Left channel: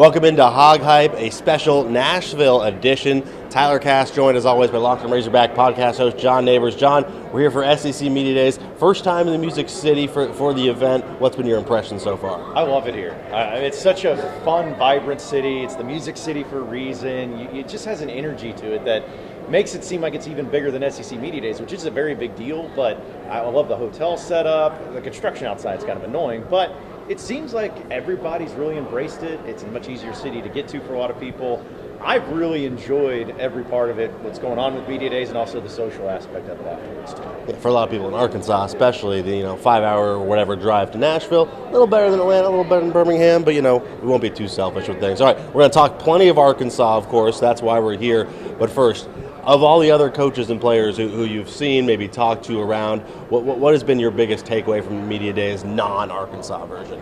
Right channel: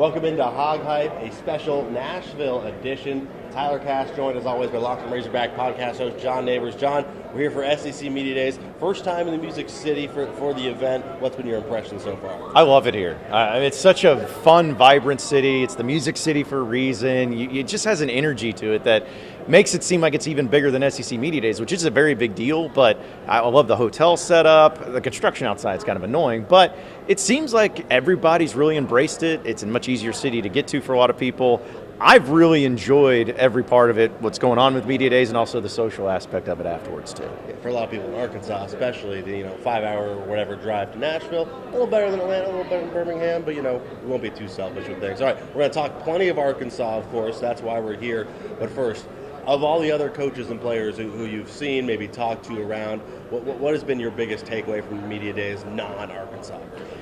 Welcome into HogHype, a special Nashville edition. Tyler Cass joined as always by longtime Razorback podcast host John Nabors. John, we're here for SEC Media Days. First time in the Music City for the event. What's been your impression so far? I love it here. It's such a fun, vibrant city. It's the Music City for a reason. It just has an energy to it that makes it seem like it's even bigger than SEC Media Days, which is a very big deal. But I love the hotel setup. The construction outside is kind of annoying, but it seems like everybody's really embraced it. It's a much easier city to get to for a lot of people. I've really enjoyed every part of it, what's going on with Media Days and also the social aspect of it afterwards too. For a lot of people in Arkansas, especially the 5-hour or whatever drive to Nashville, a little better than Atlanta, a little better than Birmingham, but we won't be too selfish with things. All right, we're going to talk plenty of Arkansas, of course. That's why we're here. But first, of all the other coaches and players who you've seen, maybe talked to around, what has been your biggest takeaway from the Media Days non-Arkansas version?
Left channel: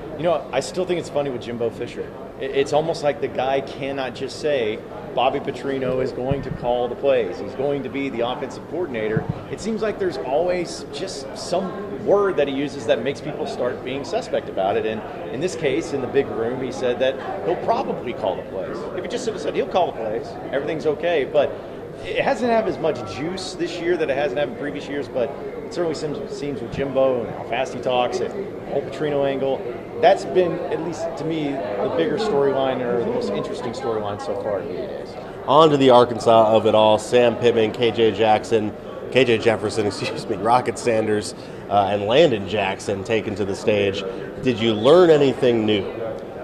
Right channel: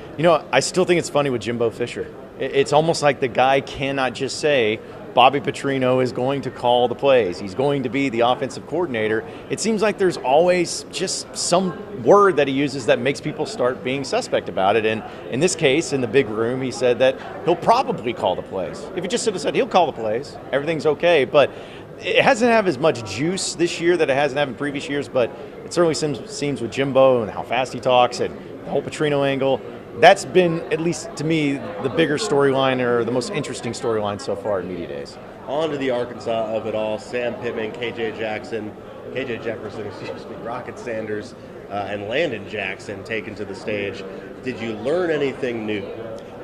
I still think it's funny with Jimbo Fisher. It's almost like the guy cannot just say, Bobby Petrino is going to call the plays. He's going to be the offensive coordinator. It seems like there's always just some word that he uses that makes people start being suspect about it. And in this case, in the big room, he said that he'll probably call the plays. If he just said he'll call the plays, everything's okay. But it hasn't had as much juice this year that it hasn't had in previous years, but it certainly seems with Jimbo and how fast he talks and the whole Petrino angle. That's been, at least to me, the bigger storyline or the most interesting storyline so far in Media Days. On to the Arkansas of it all. Sam Pittman, KJ Jefferson, Rocket Sanders, and Landon Jackson taken to the stage. Did you learn anything new?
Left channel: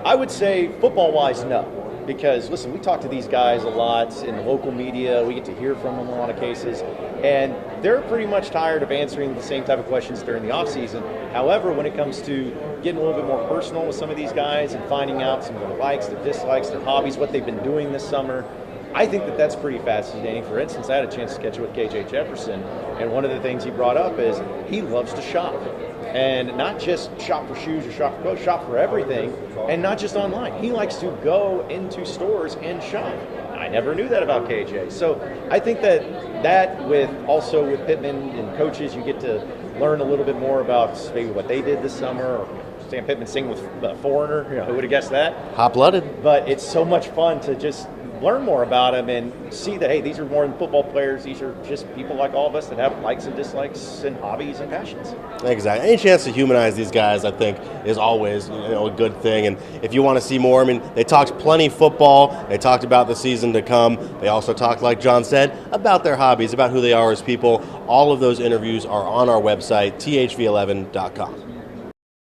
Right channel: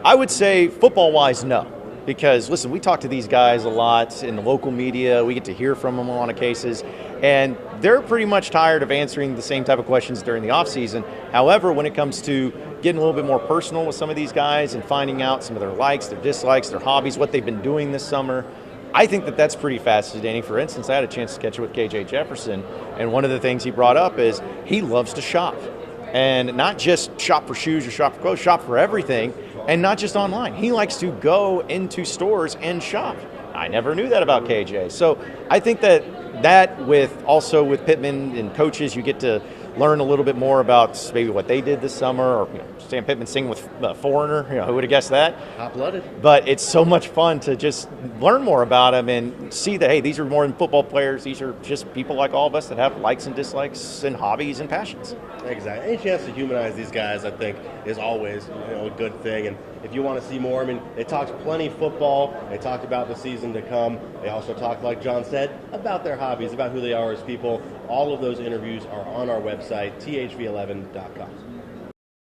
I would say football-wise, no. Because, listen, we talk to these guys a lot in the local media. We get to hear from them in a lot of cases. And they're pretty much tired of answering the same type of questions during the offseason. However, when it comes to getting a little bit more personal with some of these guys and finding out some of their likes, their dislikes, their hobbies, what they've been doing this summer, I think that that's pretty fascinating. For instance, I had a chance to catch up with KJ Jefferson, and one of the things he brought up is he loves to shop. And not just shop for shoes or shop for clothes, shop for everything, and not just online. He likes to go into stores and shop. I never knew that about KJ. So I think that with Pittman and coaches, you get to learn a little bit more about maybe what they did this summer, or Sam Pittman singing with a foreigner. Who would have guessed that? Hot-blooded. But it's so much fun to just learn more about them and see that, hey, these are more than football players. These are just people like all of us that have likes and dislikes and hobbies and passions. Exactly. Any chance to humanize these guys, I think, is always a good thing. And if you want to see more, they talked plenty football. They talked about the season to come. They also talked, like John said, about their hobbies, about who they are as people. All of those interviews are on our website, thv11.com.